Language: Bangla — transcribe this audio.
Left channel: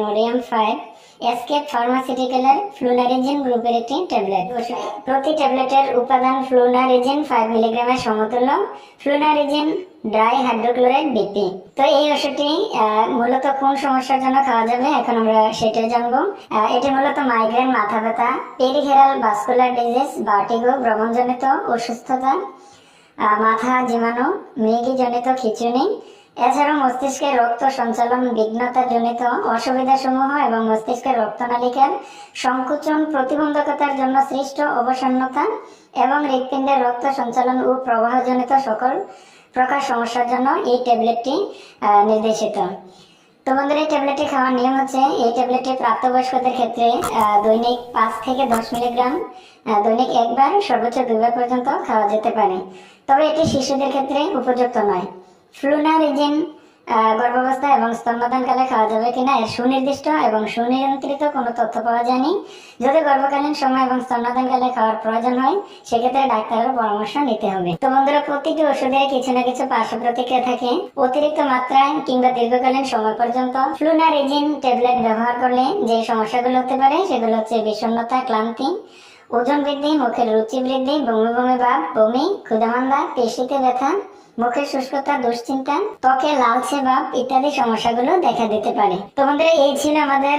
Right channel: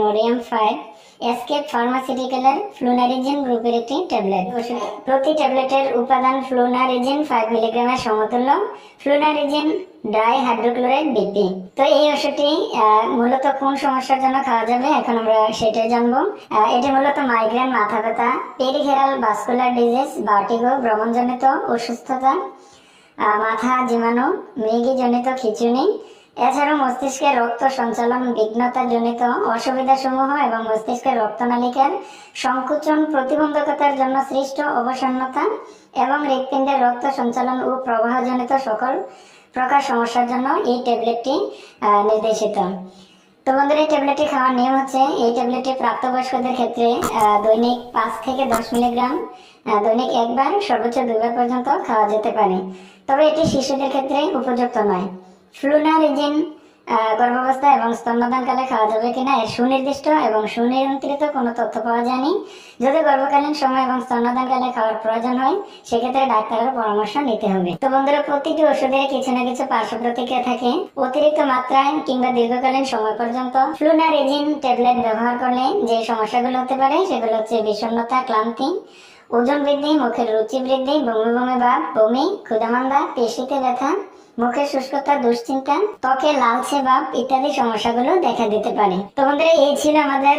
নোরিয়াম ফাইভ এসকেপ ফার্মাসিউটিক্যালের ফ্লুনারিজিন গ্রুপের একটি ট্যাবলেট। প্রতি ট্যাবলেটের উপাদান ফ্লুনারিজিন ফাইভ মিলিগ্রামের সমতুল্য। ফ্লুনারিজিন ড্রাই হাইড্রোক্লোরাইড বিপি তো এই ওষুধটি মূলত কোন সমস্যার জন্য খাওয়া যাবে? এখন আমরা সেটাই জানব। এটি মূলত মাইগ্রেন মাথা ব্যথা পেরিফেরাল ভাস্কুলার ডিজিজ বার্টিগো ভ্রমণজনিত অসুস্থতা মাথা জীবাণু মৃগীজনিত খিচুনি এছাড়াও মস্তিষ্কের রক্ত সঞ্চালন বিঘ্নতা জনিত অসুবিধাসমূহ এবং মস্তিষ্কের রক্তনালিকার সংকুচন প্রতিবন্ধকতার জন্য সৃষ্ট অবসন্নতা এবং হৃৎপিণ্ডের রক্ত সঞ্চালন ও প্রবাহজনিত সকল প্রকার সমস্যার জন্য এই ট্যাবলেটটি নির্দেশিত। তো বন্ধুরা, এই ট্যাবলেটটি খাওয়ার নিয়ম হচ্ছে, এই ট্যাবলেটটি প্রাপ্তবয়স্কদের ক্ষেত্রে দৈনিক পাঁচ থেকে দশ মিলিগ্রাম দৈনিক একবার, সর্বোচ্চ দুইবার পর্যন্ত খাওয়া যেতে পারে। তবে এটি শিশুদের ক্ষেত্রে উপযুক্ত নয়। ফ্লুনারিজিন আহ, গর্ভাবস্থা এবং স্তন্যদানকালে খাওয়া যাবে কিনা এর সুনির্দিষ্ট এবং সুনিয়ন্ত্রিত কোনো তথ্য পাওয়া যায়নি। যদি গর্ভকালীন সময় এবং স্তন্যদানকালে খাওয়ার প্রয়োজন হয় সেক্ষেত্রে ডাক্তারের পরামর্শ নিতে হবে। তো বন্ধুরা প্রতিটি ওষুধের কিছু না কিছু পার্শ্ব প্রতিক্রিয়া থাকে। অতিরিক্ত মাত্রায় কিংবা দীর্ঘকালীন সময় পর্যন্ত ফ্লুনার ফ্লুনারিজিন ট্যাবলেট ব্যবহার করলে যে সমস্যাগুলো হতে পারে সেগুলো হচ্ছে বিষণ্ণতা ক্লান্তি ওজন বৃদ্ধি মুখের রুচি বৃদ্ধি বমি বমি ভাব বমি ক্ষুদামান্দা পেশিতে ব্যথা মুখের শুষ্কতা, দুশ্চিন্তা, ত্বকে লালচে ভাব ইত্যাদি সমস্যাগুলো দেখা দিতে পারে। তো বন্ধুরা, এই ছিল আমাদের